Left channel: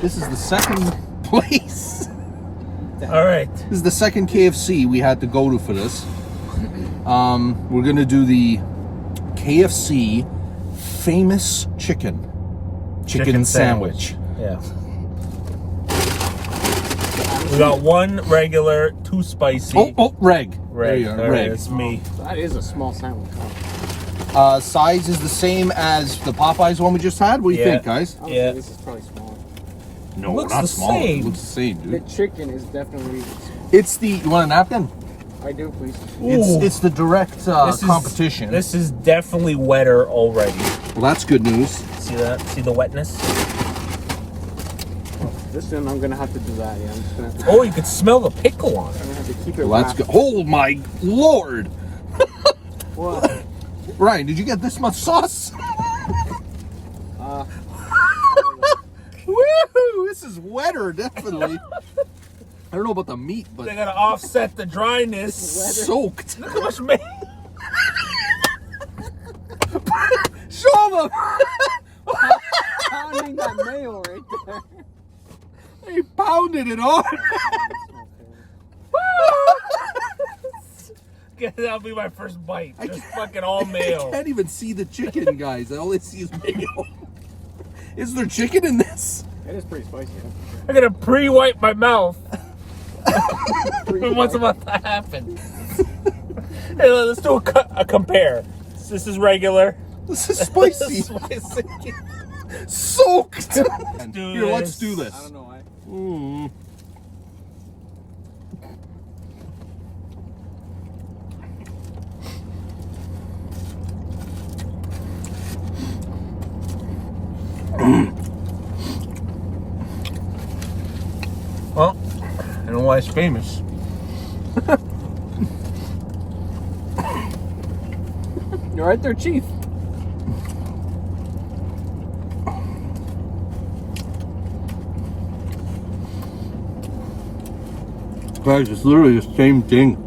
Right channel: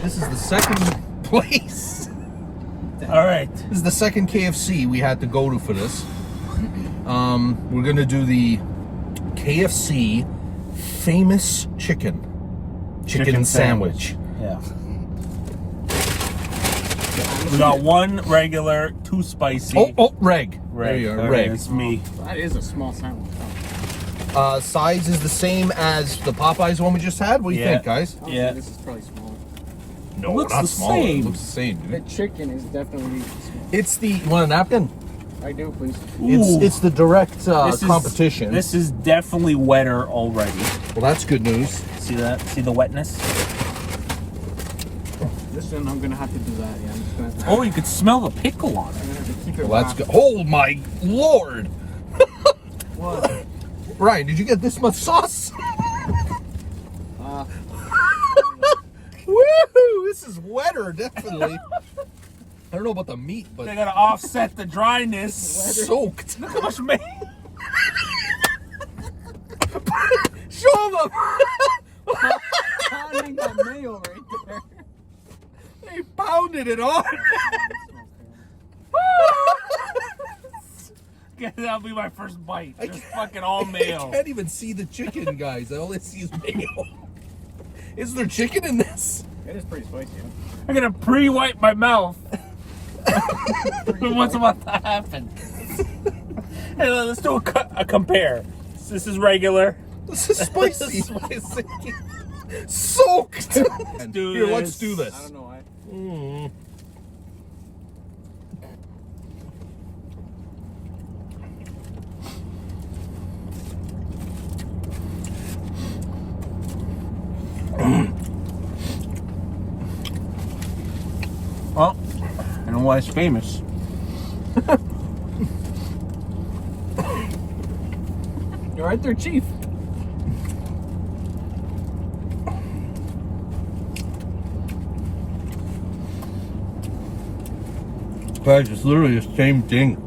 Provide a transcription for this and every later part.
This is the second place. All right. This is the second KFC we had to go to for this. We're gonna do the KFC famous chicken sandwich. Yeah. We got one regular, two spicy. Oh, reg. Reg. There you go, All right, reg. that's me. That is a small sandwich. Size is the same as the Popeyes one we just had. What do you think, guys? Yeah. This is probably smaller. No, looks not the smaller. same. It looks the same, The dude. chicken is definitely small. It's the. You want a napkin? I do, please. Ooh. It's the direct This is- competition. This is definitely wetter already. Well, that's good news. See that? See the wetness? This one, I'm gonna have to do that. Yeah, I'm just gonna have to, Oh, you could smell the pickle on it. I'm gonna have to keep it Well, that's wrapped. good. Oh my lord! What? Ryan, did you get this much sauce? Woohoo! This is wetter, definitely. I don't know about the meat, but They gotta offset the dryness. soaked. Look how much meat. Show them. Pounding that mayo right there. They pounded it on. That'll be my first bite. I Just can't- fucking all I mayo. can't even see the chicken, guys. All I see is mayo. Is there chicken in this? It is pretty spicy. I'm gonna pre-wipe my mouth. What's about to happen? Hey, let's do a compare. This is regular. This is spicy. Spicy. Soaked. do Here, let's this. do this. I don't know why. Mm. Well, I know why it's famous. You're right there, Chief. Guys, it's literally the same thing.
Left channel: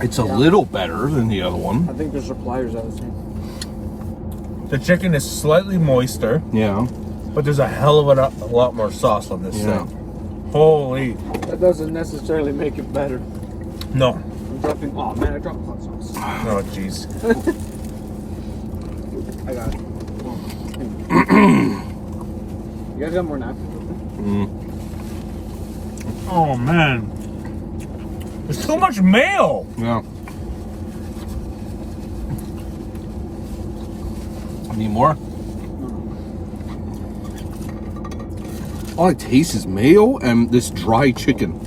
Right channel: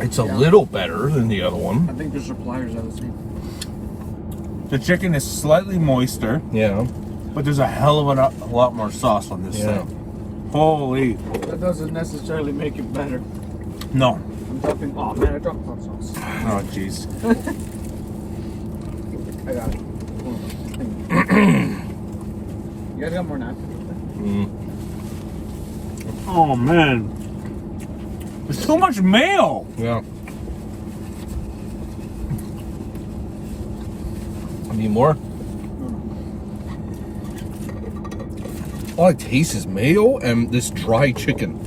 It's a little better than the other I one. think the suppliers are the same. The chicken is slightly moister, Yeah. but there's a hell of a lot more sauce on this Yeah. thing. Holy. That doesn't necessarily make it better. No. I'm dropping. Oh man, I dropped hot sauce. Oh, jeez. I got it. You guys got more napkins? Oh, man. There's too much mayo. Yeah. Need more? All I taste is mayo and this dry chicken.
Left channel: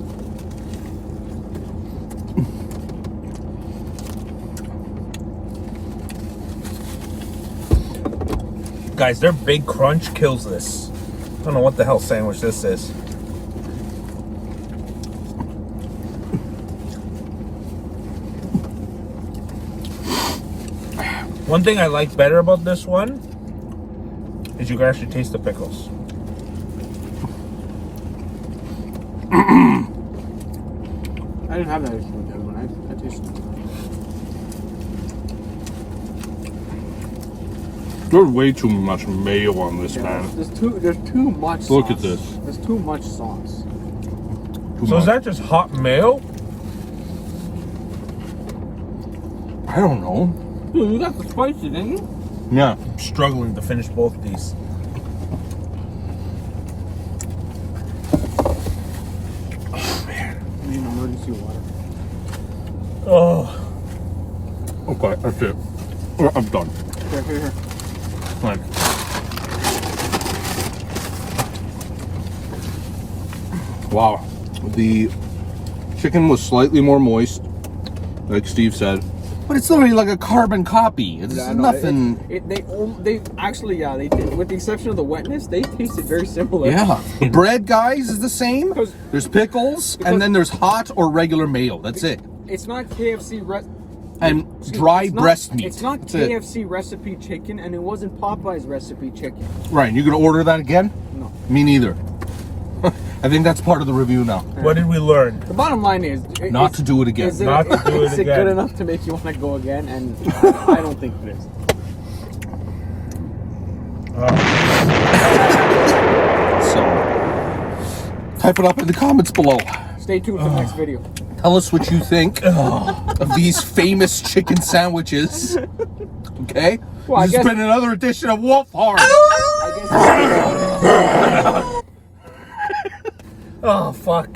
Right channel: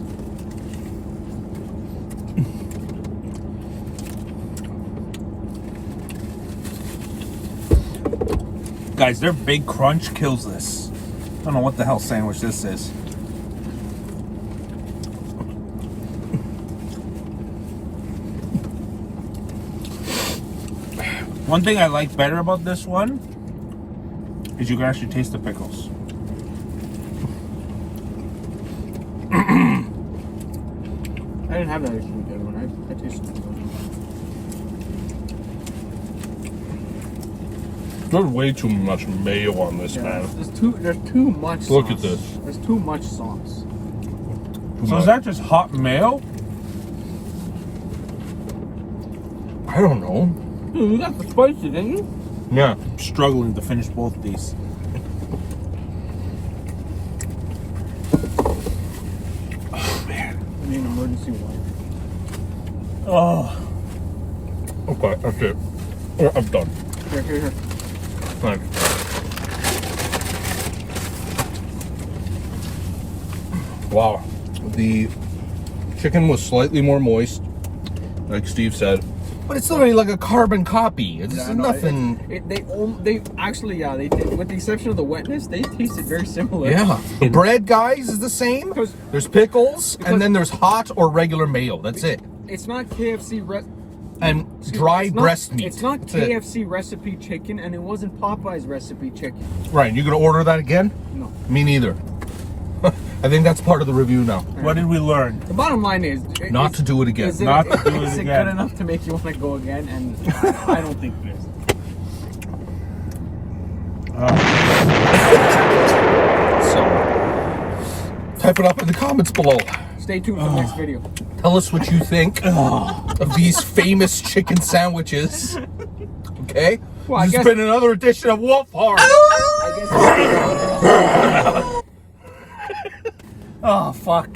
Guys, their big crunch kills this. I don't know what the hell sandwich this is. One thing I like better about this one is you can actually taste the pickles. I didn't have that issue with the other one. I tasted it. There's way too much mayo on this, man. There's too much sauce. Look at this. There's too much sauce. So is that just hot mayo? I don't know. Dude, you got the spicy, didn't you? Yeah. I'm struggling to finish both these. Oh man. I need emergency water. Oh. Okay, that's it. I'm done. Here. Thanks. Wow. The chicken was slightly more moist, like Steve said. But it's literally like a carbon copy. It's Yeah, I know. nothing. They actually, yeah, they did. With the exception of the wetness, they tasted very similar. Yeah. The bread, guys, is the same. Because- There's pickles, and then there's hot or regular mayo. That's it. It's not KFC. And dry It's not- breast meat. It's not That's it. KFC recipe chicken, and it wasn't Popeye's recipe chicken. Ryan, you gonna order that again? No. Me neither. I think that's part of the review now. What did we learn? The bottom line is Not to do it again. Is Not to do it is again. it good enough to make you want to go again? And I don't think it is. So, type it up in the comments below. Stay tuned for the next video. Tell us what you think of these famous chicken sandwiches. Okay? Well, I This has guess- been another edition of Wolf Hard. Oh, fuck.